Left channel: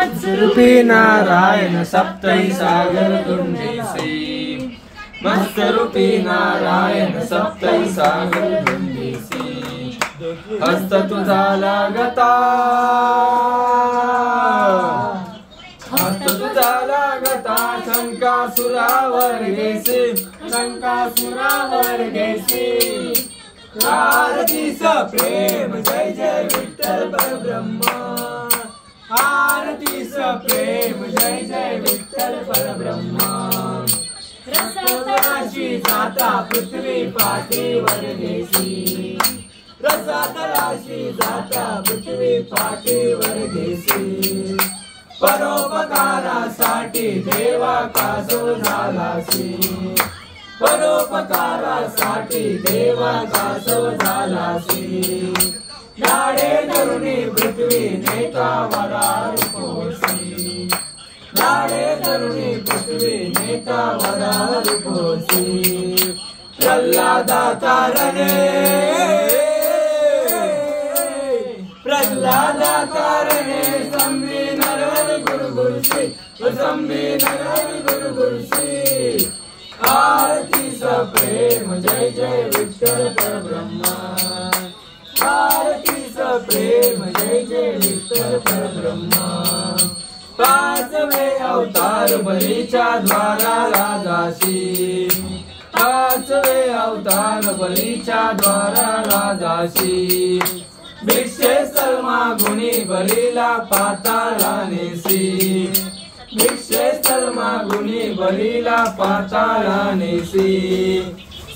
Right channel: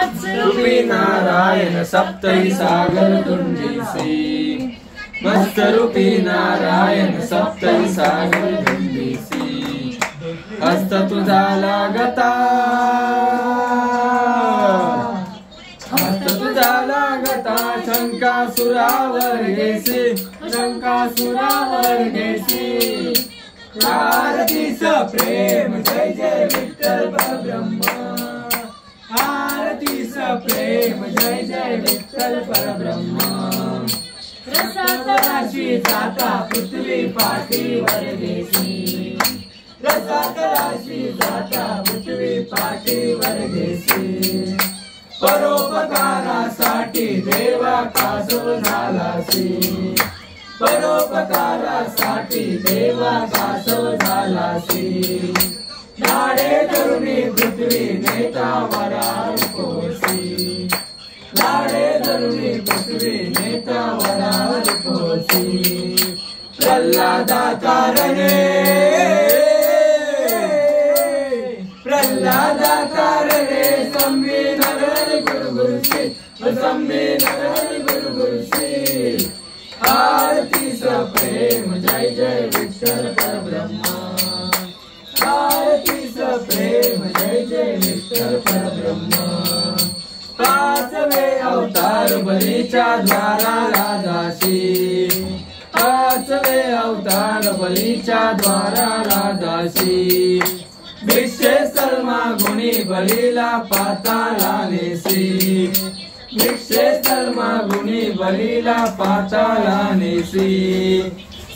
मत्स्यरूपी नारायण सप्तही सागर धुंडीसी, मत्स्यरूपी नारायण सप्तही सागर धुंडीसी, हस्त तुझा लागता, हस्त तुझा लागता, शंकासुरावर घेसी, शंकासुरावर घेसी, आरतीच प्रेम जय जय विठ्ठल परब्रह्म, आरतीच प्रेम जय जय विठ्ठल परब्रह्म, रसातळाशी जाता पृथ्वी पाठीवर घेसी, रसातळाशी जाता पृथ्वी पाठीवर घेसी, परोपकारासाठी देवा कासव झालासी, परोपकारासाठी देवा कासव झालासी, झाडे धरुणी पृथ्वी नेता वरार पोसी, झाडे धरुणी पृथ्वी नेता वरार पोसी, प्रल्हादाचा रणे, प्रल्हादाचा रणे, संभी नरहरी गुरुगुरुशी, संभी नरहरी गुरुगुरुशी, आरतीच प्रेम जय जय विठ्ठल परब्रह्म, आरतीच प्रेम जय जय विठ्ठल परब्रह्म, पाचवे अवतार बलीच्या द्वाराला जाशी, पाचवे अवतार बलीच्या द्वाराला जाशी, भिक्षे सलमा गुणी बलीला पाताला नेसी, भिक्षे सलमा गुणी बलीला पाताला नेसी,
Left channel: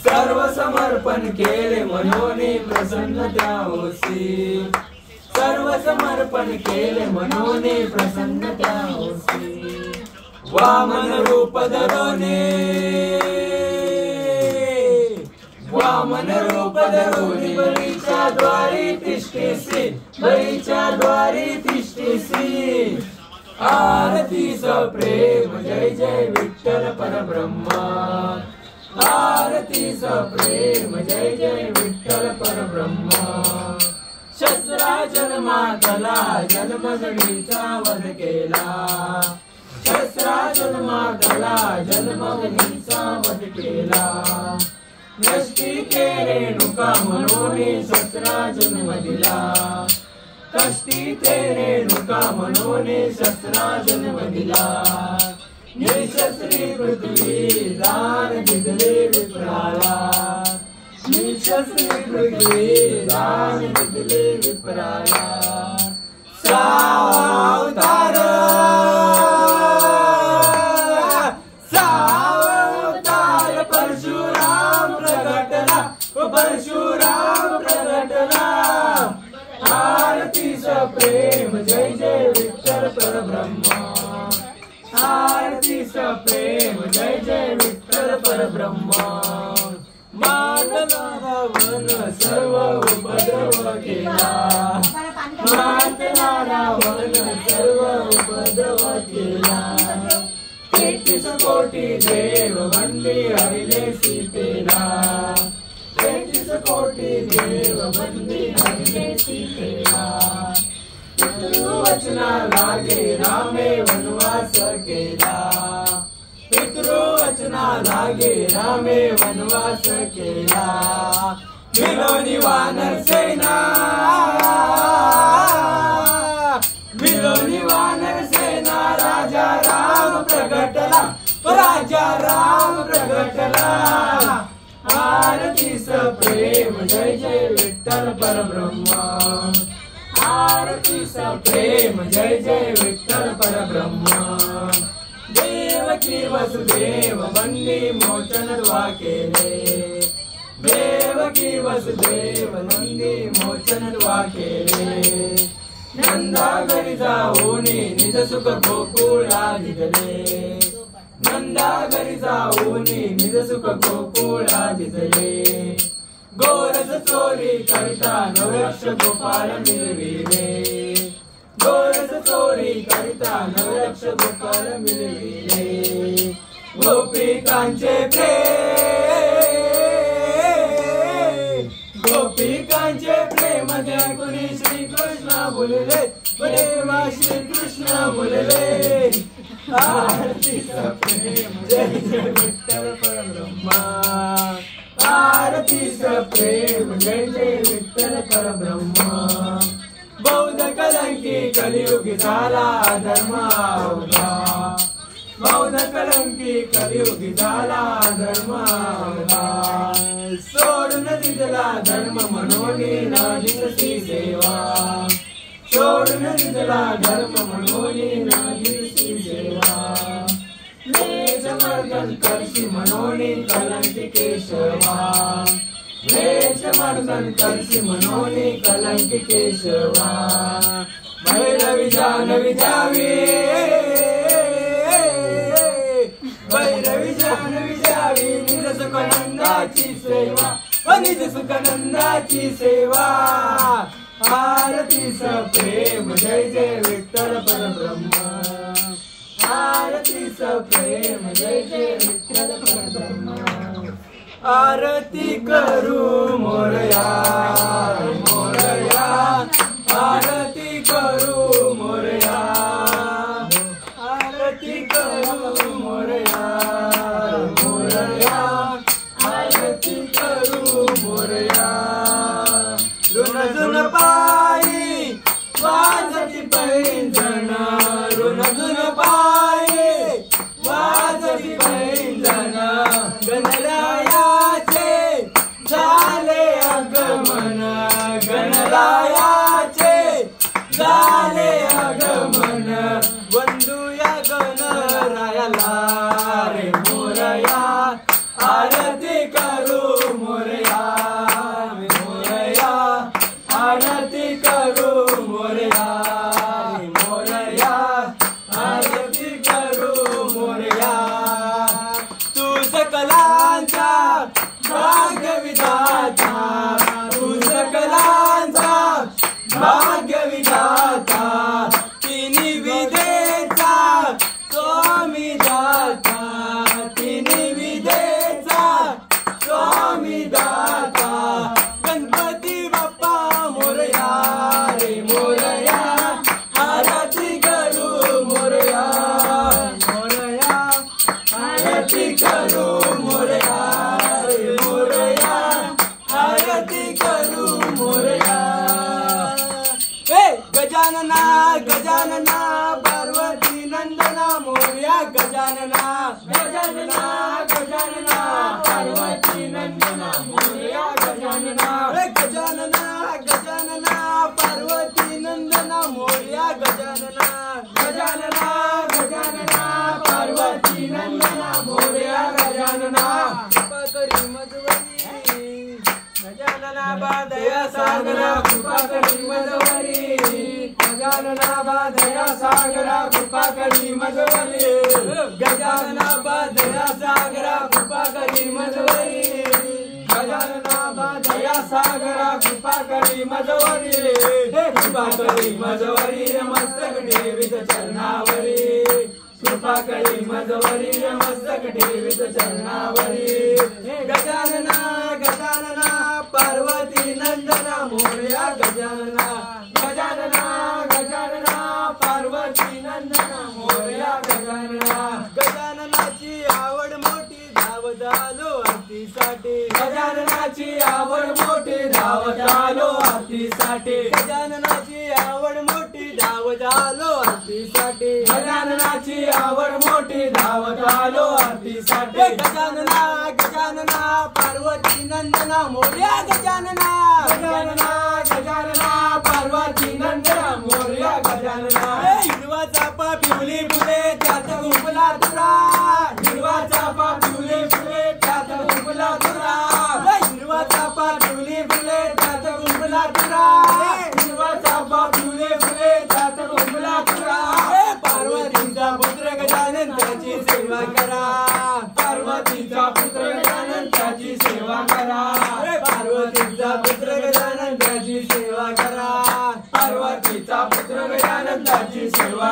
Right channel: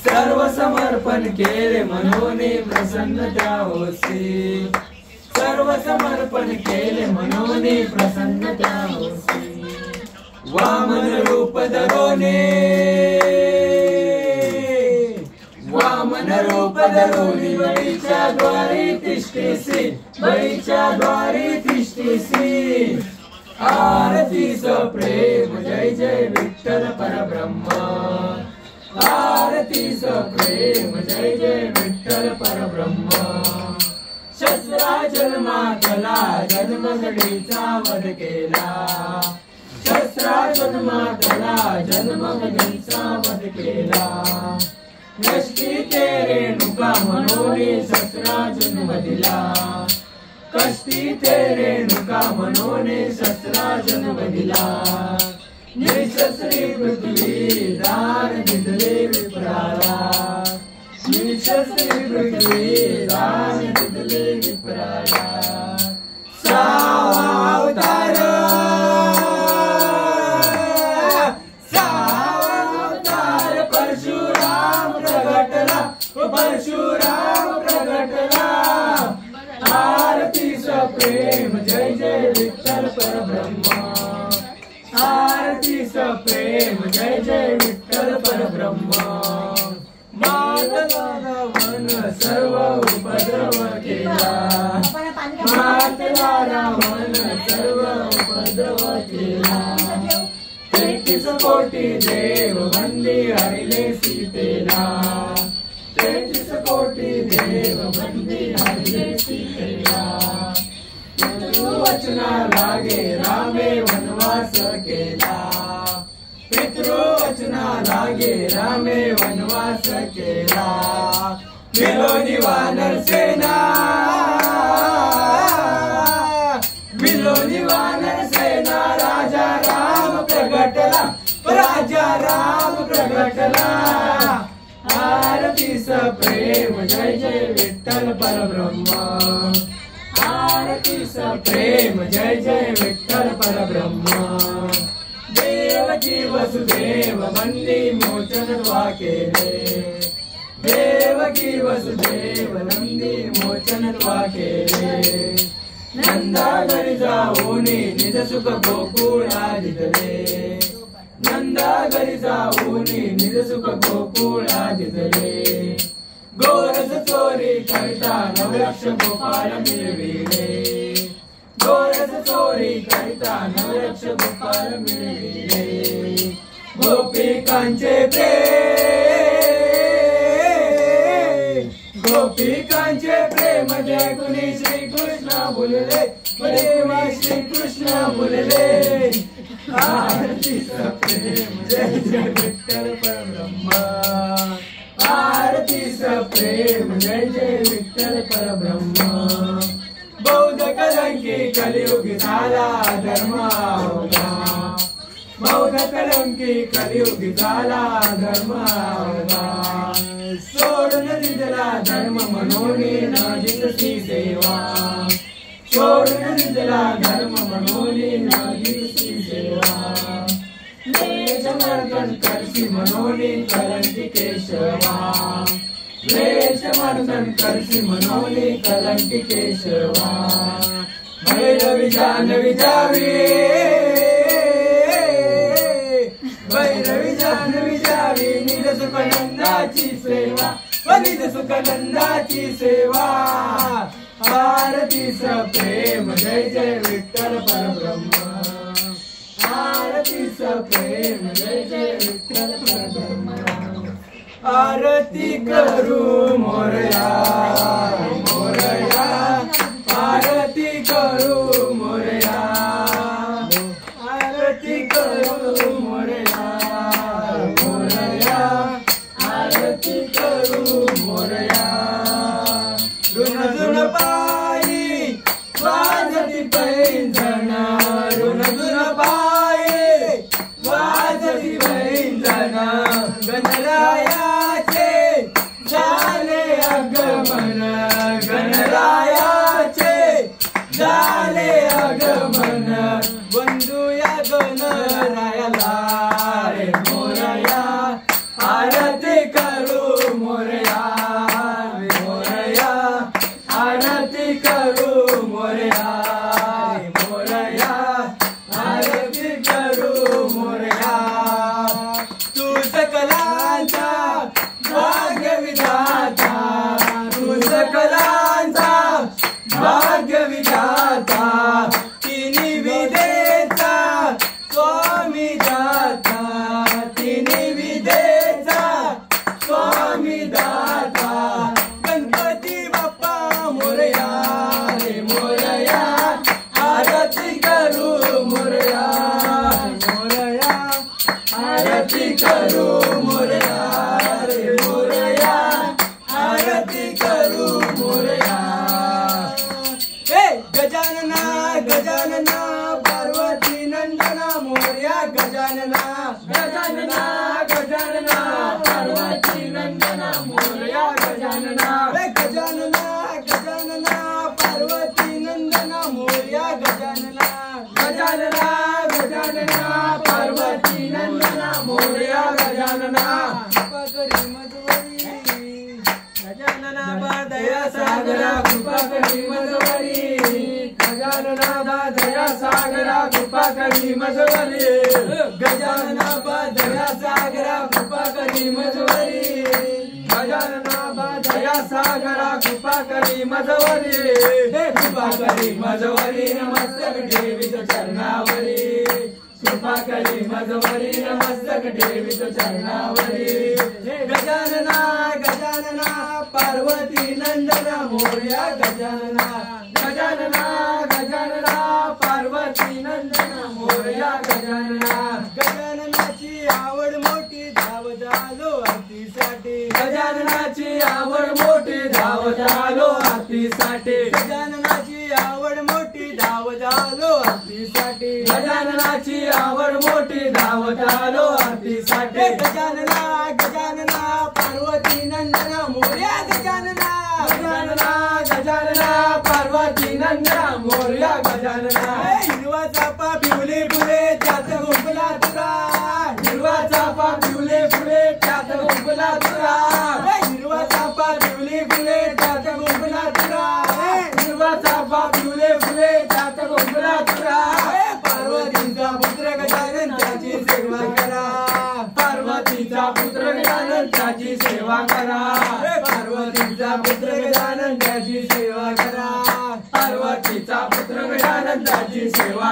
सर्व समर्पण केले मनोनी प्रसन्न त्या होसी, सर्व समर्पण केले मनोनी प्रसन्न त्या होसी, वामन रूप धरोने, वामन रूप धरोनी बळीच्या द्वारी तिष्ठीसी, बळीच्या द्वारी तिष्ठीसी, आरतीच प्रेम जय जय विठ्ठल परब्रह्म, आरतीच प्रेम जय जय विठ्ठल परब्रह्म, शस्त्रा जन्मातला जन्मगडीचा वध केला, शस्त्रा जन्मातला जन्मगडीचा वध केला, कष्टी ते रेणुका म्हणून शस्त्रा जन्म दिला, कष्टी ते रेणुका म्हणून शस्त्रा जन्म दिला, निशस्त्री पृथ्वी दान दिले विप्राला, निशस्त्री पृथ्वी दान दिले विप्राला, सावतार, सावतार परशुराम प्रगटला, परशुराम प्रगटला, आरतीच प्रेम जय जय विठ्ठल परब्रह्म, आरतीच प्रेम जय जय विठ्ठल परब्रह्म, मारला रावण सर्व उपद्रव केला, मारला रावण सर्व उपद्रव केला, 33 कोटी देव बंदी हरिले सीतेला, 33 कोटी देव बंदी हरिले सीतेला, पितृवचना लागे रामे वनवास केला, पितृवचना लागे रामे वनवास केला, मिलोनी वानर सेना, मिलोनी वानर सेना, राजा राम प्रगटला, राजा राम प्रगटला, आरतीच प्रेम जय जय विठ्ठल परब्रह्म, आरतीच प्रेम जय जय विठ्ठल परब्रह्म, देवकी वसुदेव बंदी मोचन द्वा केले, देवकी वसुदेव नंदी मोचन द्वा केले, नंदा घरी जाऊनी निज सुख गोकुळा दिसले, नंदा घरी जाऊनी निज सुख गोकुळा दिसले, गोरस चोरी करता नवलक्ष गोपाल मिळविले, गोरस चोरी करता नवलक्ष गोपाल मिळविले, गोपिकांचे प्रेम, गोपिकांचे प्रेम जय गुणी श्री कृष्ण बोलले, देवा श्री कृष्ण बोलले आरतीचा प्रेम जय जय विठ्ठल परब्रह्म आरतीचा प्रेम जय जय विठ्ठल परब्रह्म बौद्ध कलंकी कलियुगी झाला धर्म अवघा बौद्ध कलंकी कलियुगी झाला धर्म अवघा सोडून दिला धर्म म्हणून न दिसती सेवा सोडून दिला धर्म म्हणून न दिसती सेवा वेशमर्दन करशी म्हणून कलंकी केशवा वेशमर्दन करशी म्हणून कलंकी केशवा भैरवी जानवी जावी भैरवी जानवी जावी निज सुखनंदाची सेवा निज सुखनंदाची सेवा आरतीचं प्रेम जय जय विठ्ठल परब्रह्म आरतीचं प्रेम जय जय विठ्ठल परब्रह्म आरती करू मोरया मोरया आरती करू मोरया आरती करू मोरया मोरया आरती करू मोरया ऋण ऋण पायी वाजती पैंजण ऋण ऋण पायी वाजती पैंजण गणरायाचे झाले आगमन गणरायाचे झाले आगमन वंदूया गणरायाला रे मोरया आरती करू मोरया मोरया आरती करू मोरया मोरया आरती करू मोरया तू सकलांचा भाग्यविधाता तू सकलांचा भाग्यविधाता तिन्ही विदेचा स्वामी दाता तिन्ही विदेचा स्वामी दाता गणपती बाप्पा मोरया रे मोरया आरती करू मोरया मोरया आरती करू मोरया रे मोरया आरती करू मोरया गजानना गजानना पार्वती नंदना मोरया गजानना गजानना गजानना पार्वती नंदना मोरया गजानना गजानना गजानना पार्वती नंदना मोरया गजानना गजानना गजानना पार्वती नंदना मोरया गजानना कृपा करी मजवरी गजानना बादया सागरा कृपा करी मजवरी गजानना बादया सागरा कृपा करी मजवरी गजानना बादया सागरा कृपा करी मजवरी गजानना बादया सागरा कृपा करी मजवरी कृपा करी मजवरी नमस्तक ठेवीत चरणावरी कृपा करी मजवरी नमस्तक ठेवीत चरणावरी गजानना गजानना पार्वती नंदना मोरया गजानना गजानना गजानना पार्वती नंदना मोरया गजानना गजाननाची आवड मोठी धावत आलो आरतीसाठी गजाननाची आवड मोठी धावत आलो आरतीसाठी गजाननाची आवड मोठी धावत आलो आरतीसाठी गजाननाची आवड मोठी धावत आलो आरतीसाठी गजानना गजानना पार्वती नंदना मोरया गजानना गजानना गजानना पार्वती नंदना मोरया गजानना हिरवा चापा पिवली फुले त्यात गुंफला तुरा हिरवा चापा पिवली फुले त्यात गुंफला तुरा हिरवा चापा पिवली फुले त्यात गुंफला तुरा हिरवा चापा पिवली फुले त्यात गुंफला तुरा पार्वतीचा पुत्र गजानन त्याची सेवा करा पार्वतीचा पुत्र गजानन त्याची सेवा करा पार्वतीचा पुत्र गजानन त्याची सेवा करा पार्वतीचा पुत्र गजानन त्याची सेवा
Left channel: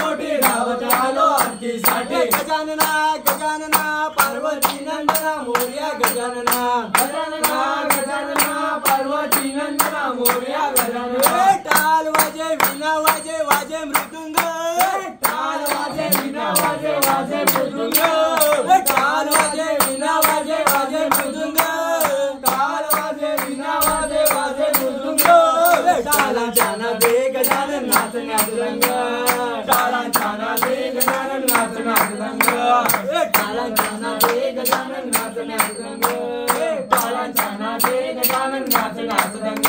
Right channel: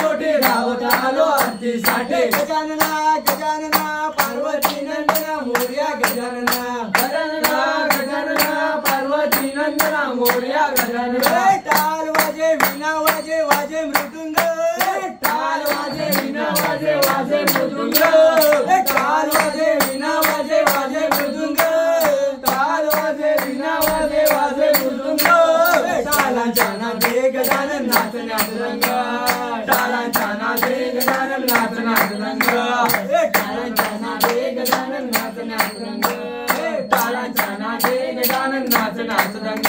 मोठी धावत आलो आरतीसाठी गजानना गजानना पार्वती नंदना मोरया गजानना गजानना गजानना पार्वती नंदना मोरया गजानना टाल वाजे वीणा वाजे वाजे मृदुंग टाल वाजे वीणा वाजे वाजे मृदुंग टाल वाजे वीणा वाजे वाजे मृदुंग टाल वाजे वीणा वाजे वाजे मृदुंग टालांच्या नादे गजानन नाचण्यात रंग टालांच्या नादे गजानन नाचण्यात रंग टालांच्या नादे गजानन नाचण्यात रंग टालांच्या नादे गजानन नाचण्यात रंग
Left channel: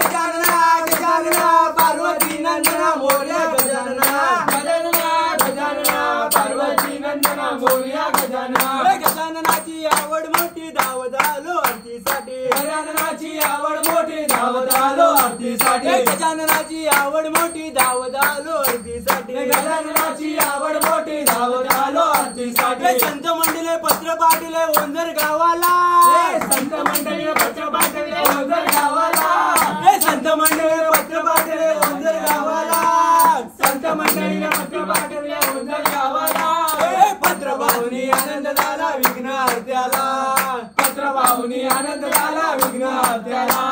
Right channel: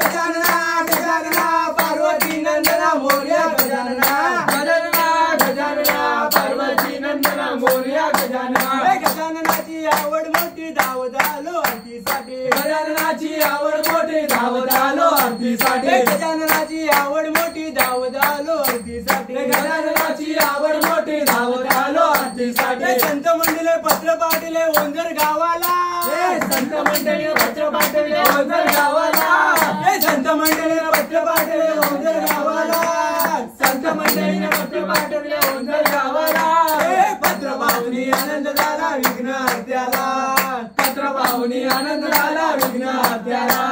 गजानना गजानना पार्वती नंदना मोरया गजानना गजानना गजानना पार्वती नंदना मोरया गजानना गजाननाची आवड मोठी धावत आलो आरतीसाठी गजाननाची आवड मोठी धावत आलो आरतीसाठी गजाननाची आवड मोठी धावत आलो आरतीसाठी गजाननाची आवड मोठी धावत आलो आरतीसाठी संत मंडळी पत्र पाठवले ओंजर गावाला संत मंडळी पत्र पाठवले ओंजर गावाला संत मंडळी पत्र पाठवले ओंजर गावाला संत मंडळीने पत्र पाठवले ओंजर गावाला पत्र पाहुनी आनंद झाला विघ्न हत्याला पत्र पाहुनी आनंद झाला विघ्न हत्याला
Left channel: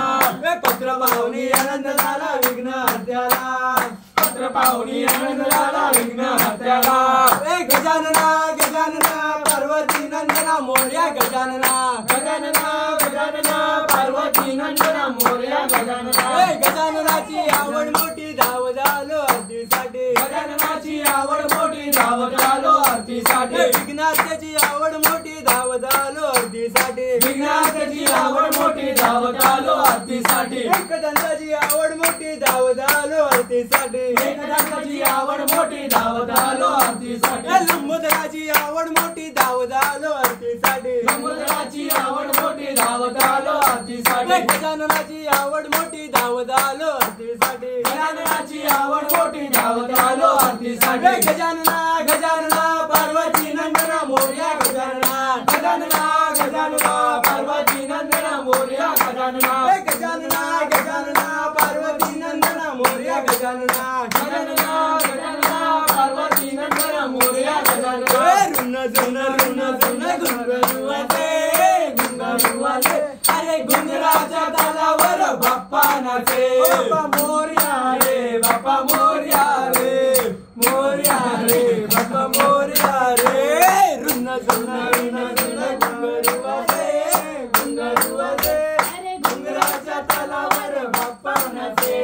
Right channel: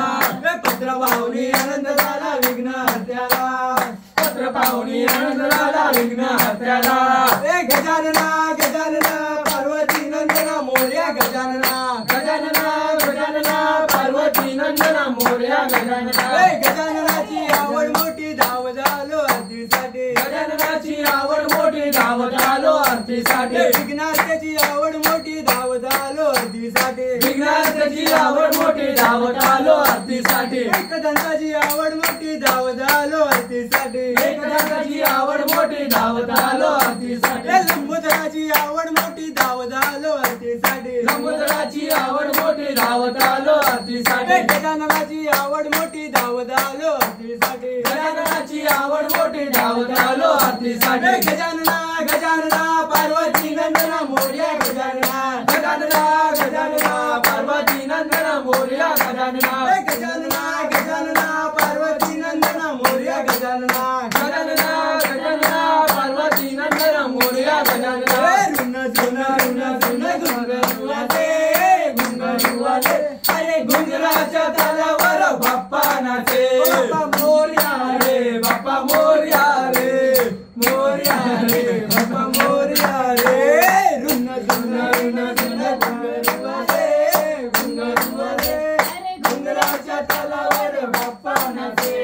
पत्र पाहुनी आनंद झाला विघ्न हत्याला पत्र पाहुनी आनंद झाला विघ्न हत्याला गजानना गजानना पार्वती नंदना मोरया गजानना गजानना गजानना पार्वती नंदना मोरया गजानना गजाननाची आवड मोठी धाव झालो आरतीसाठी गजाननाची आवड मोठी धावत आलो आरतीसाठी विघ्नार्थाची आवड मोठी धाव झालो आरतीसाठी विघ्नार्थाची आवड मोठी धावत आलो आरतीसाठी एकदंताची आवड मोठी धाव झालो आरतीसाठी एकदंताची आवड मोठी धावत आलो आरतीसाठी लंबोदराची आवड मोठी धाव झालो आरतीसाठी लंबोदराची आवड मोठी धावत आलो आरतीसाठी गजाननाची आवड मोठी धावत आलो आरतीसाठी गजाननाची आवड मोठी धावत आलो आरतीसाठी गजानना गजानना पार्वती नंदना मोरया गजानना गजानना गजानना पार्वती नंदना मोरया गजानना गजानना गजानना पार्वती नंदना मोरया गजानना गजानना गजानना पार्वती नंदना मोरया गजानना रुन जुन रुन जुन गुंगरुवाले गुंगरुवाले अरे गुंगराच्या तालावर बाप्पा नाचे बाप्पा मोरया रे बाप्पा मोरया रे मोरया रे बाप्पा मोरया रे रुन जुन गुंगरुवाले गुंगरुवाले गुंगराच्या तालावर बाप्पा नाचे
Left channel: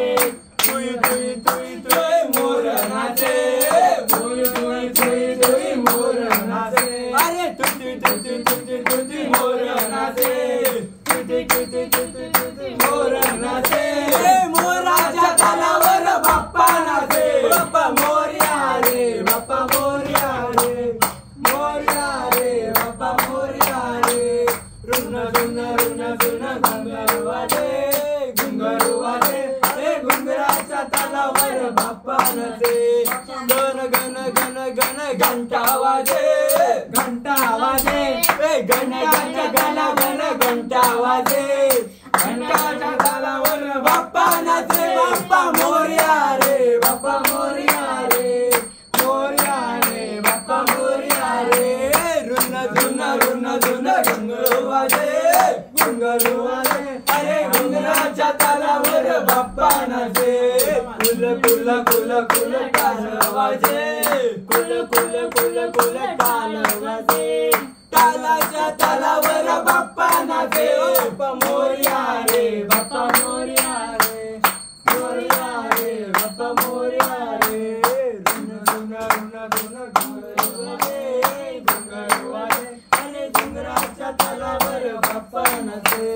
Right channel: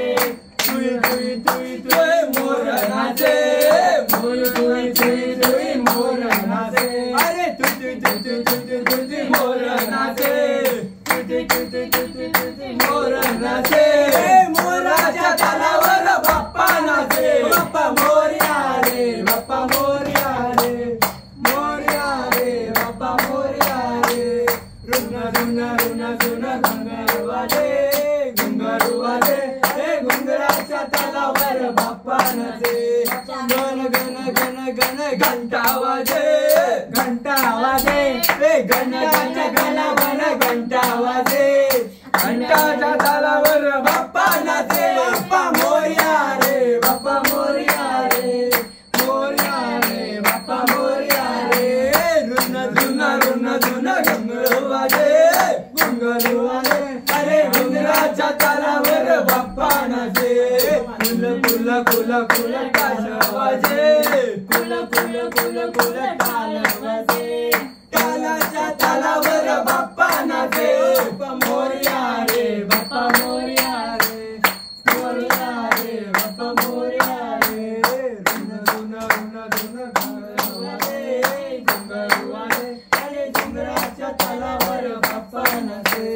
तुई तुई तुई तुई मोर नाचे तुई तुई तुई तुई मोर नाचे अरे तुई तुई तुई तुई तुई तुई मोर नाचे तुई तुई तुई तुई तुई मोर नाचे मोराच्या तालावर बाप्पा नाचे बाप्पा मोरया रे बाप्पा मोरया रे मोरया रे बाप्पा मोरया रे रुन रुन रुन रुन गुंगरुवाले गुंगरुवाले गुंगराच्या तालावर बाप्पा नाचे गण गण गण गण घंटा वाजे घंटा वाजे घंटाच्या गणावर घंटा वाजे घंटाच्या तालावर बाप्पा नाचे बाप्पा मोरया रे बाप्पा मोरया रे मोरया रे बाप्पा मोरया रे रुन जुन रुन जुन घुंगरू वाजे अरे घुंगराच्या तालावर बाप्पा नाचे कुल कुल कुल कुल टाल वाजे कुल कुल कुल कुल टाल वाजे टालाच्या तालावर बाप्पा नाचे बाप्पा मोरया रे बाप्पा मोरया रे मोरया रे बाप्पा मोरया रे रुन रुन रुन रुन घुंगरू वाजे अरे घुंगराच्या तालावर बाप्पा नाचे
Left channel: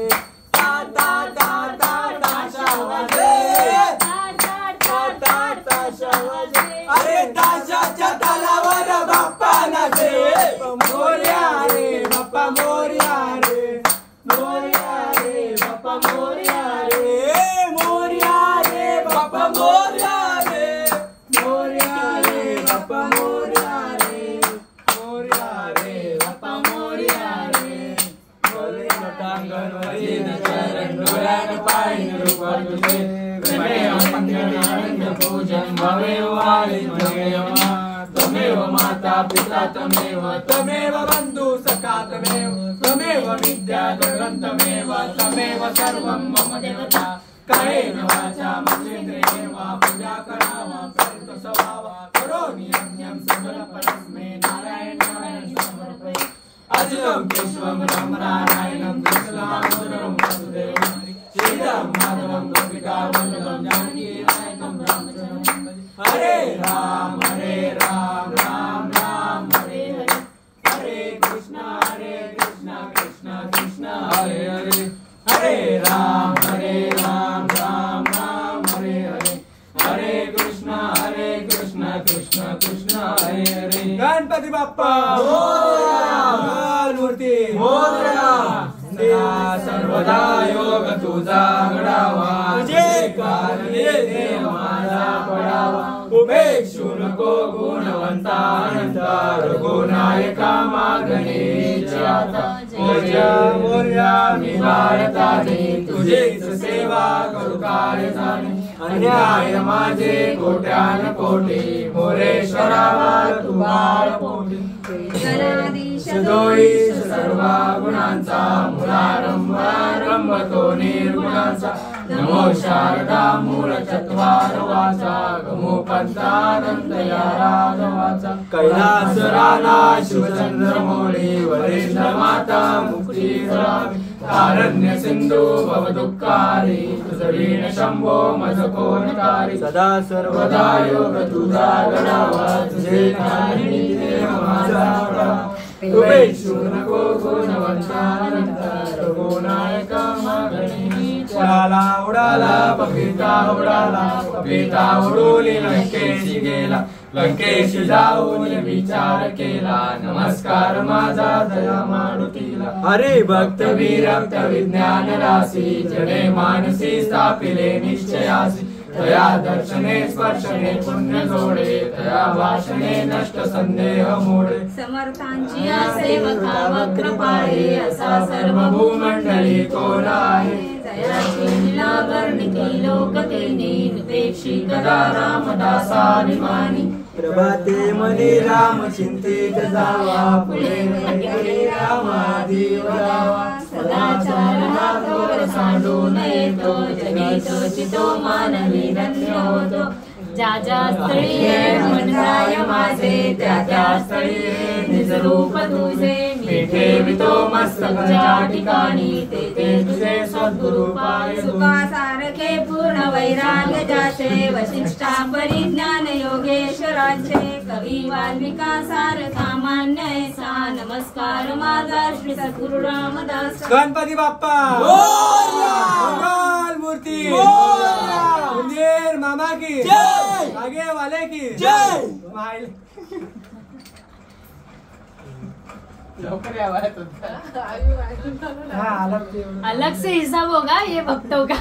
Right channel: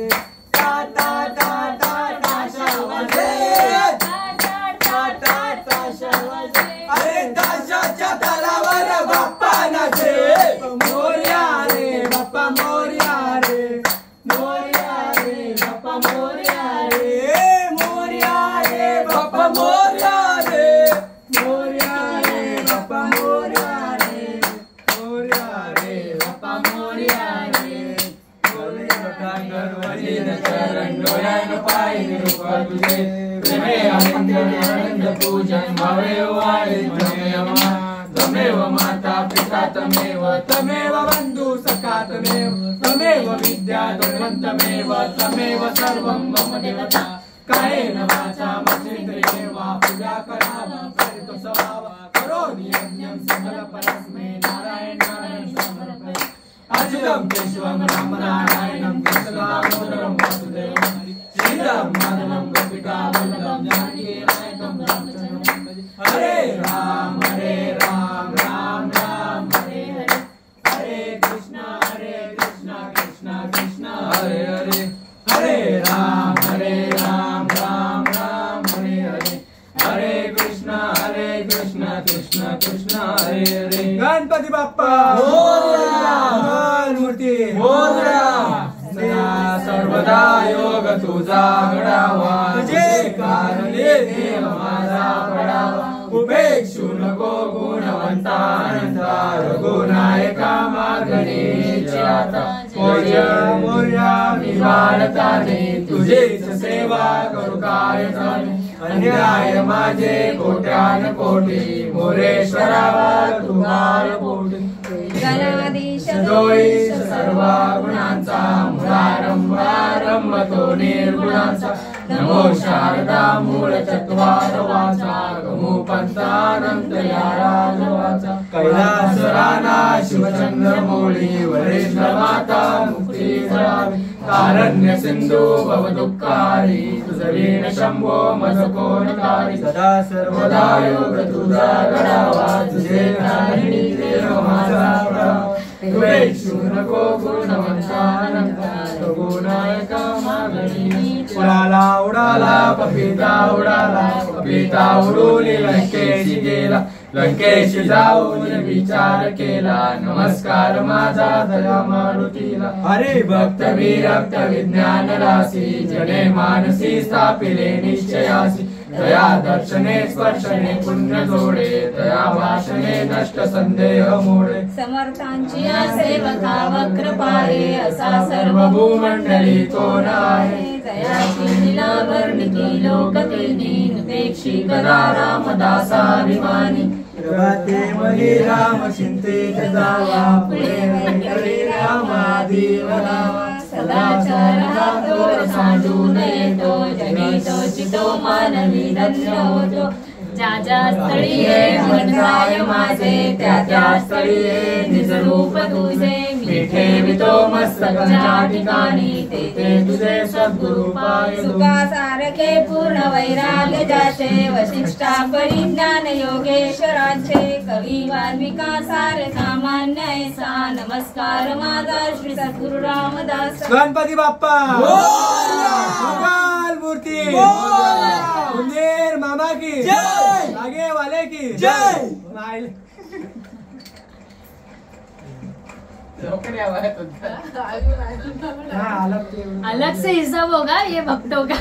ता ता ता ता ताशा वाजे अरे ताशाच्या तालावर बाप्पा नाचे पिता तमेव तमेव बन्धु सखा तमेव विद्या दुर्गन्तमेव तमेव सर्वं मम देवता कायेन वाचा मनसेन्द्रियेण वा पूजा करावा परितो सवावा करोमि यज्ञं सकल परस्मै नारायणाय समर्पये अच्युतं केशवं रामनारायणं कृष्णदामोदरं वासुदेवं श्रीराम माधवं गोपिकावल्लभं जानकीनायकं रामचन्द्रं हरे राम राम राम हरे हरे हरे कृष्णा कृष्णा कृष्णा हरे हरे हरे राम राम राम हरे हरे हरे कृष्णा कृष्णा कृष्णा हरे हरे गणपती बाप्पा मूर्ती सर्वदा योग तुझा घडावा तुझे कारणे माझा पडावा उपेक्षू नको गुणवंतानंता रघुनायका मागणेच्या मोर्या मी भारताने तुझीच सेवा करू काय जाणे अन्याय माझे कोट्यान कोटी मोरेश्वरावा तुमार पोटी सदोईश सर्व गुणांचा मुळारंभ तो निर्गुणांचा नमो शारदा मूळ चत्वार वाचा गमो पंचानंत या राघवाचा कैलास राणा शिवचंद्र मोळी वरेंद्र माता मुक्ती जळावी कारण्य सिंधू भवदुःखारी तुझवीन शंभो मज कोणकारी सदा सर्वदा योग तुझा घडावा तुझे नारायणी देव माझा पडावा तुपेक्षू नको गुणवंतानंत रघुनायका मागणी उडाला पपिता उडून लंकेशी गेला लंकेशी जाऊन विचार केला नमस्कार माझा दया मारुतीला हरे भक्त विरक्त विज्ञान राशी जने मानसी स्थापिले निश्चयासी तया दर्शने स्पर्शने पुण्य जोडे तया भाषणे नष्ट संदेह मोडे समर्थांची सेवका वक्रपाळे असा सर्व भूमंडळी तो आहे जयाची लीला वर्णिती लोकतेने उपेक्षी करा रामदासाभिमानी प्रभाते मनी राम चिंतित जावा पुढे रामादी वरावा सदाचार हा थोर सांडून येतो जनितो चितो मानवी धन्य होतो ज्या स्थळी मन राय माझे त्या स्थळी निज रूप तुझे मी ठेवितो मस्तकाच्या ठिकाणी ते तुझे सद्गुरु पाय सुखासारखे पूर्ण वैराग्य जाचे वशिष्ठा परिज्ञान योगेश्वराचे कवी वाल्मिका सार सामान्य ऐसा नमस्कार माझा श्री सद्गुरु रामदास गणपती बाप्पा मंगल मूर्ती मुंदेर मामा की जय आगे वाले की जय अलग से हिसाब होगा ये भक्तों का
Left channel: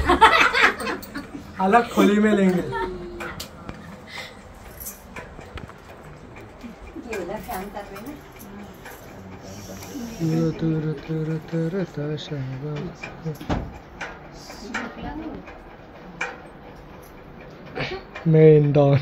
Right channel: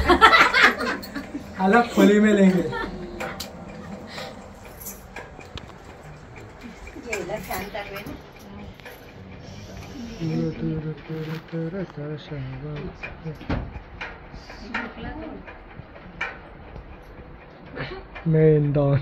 अलग खोली में लेंगे मेन डॉन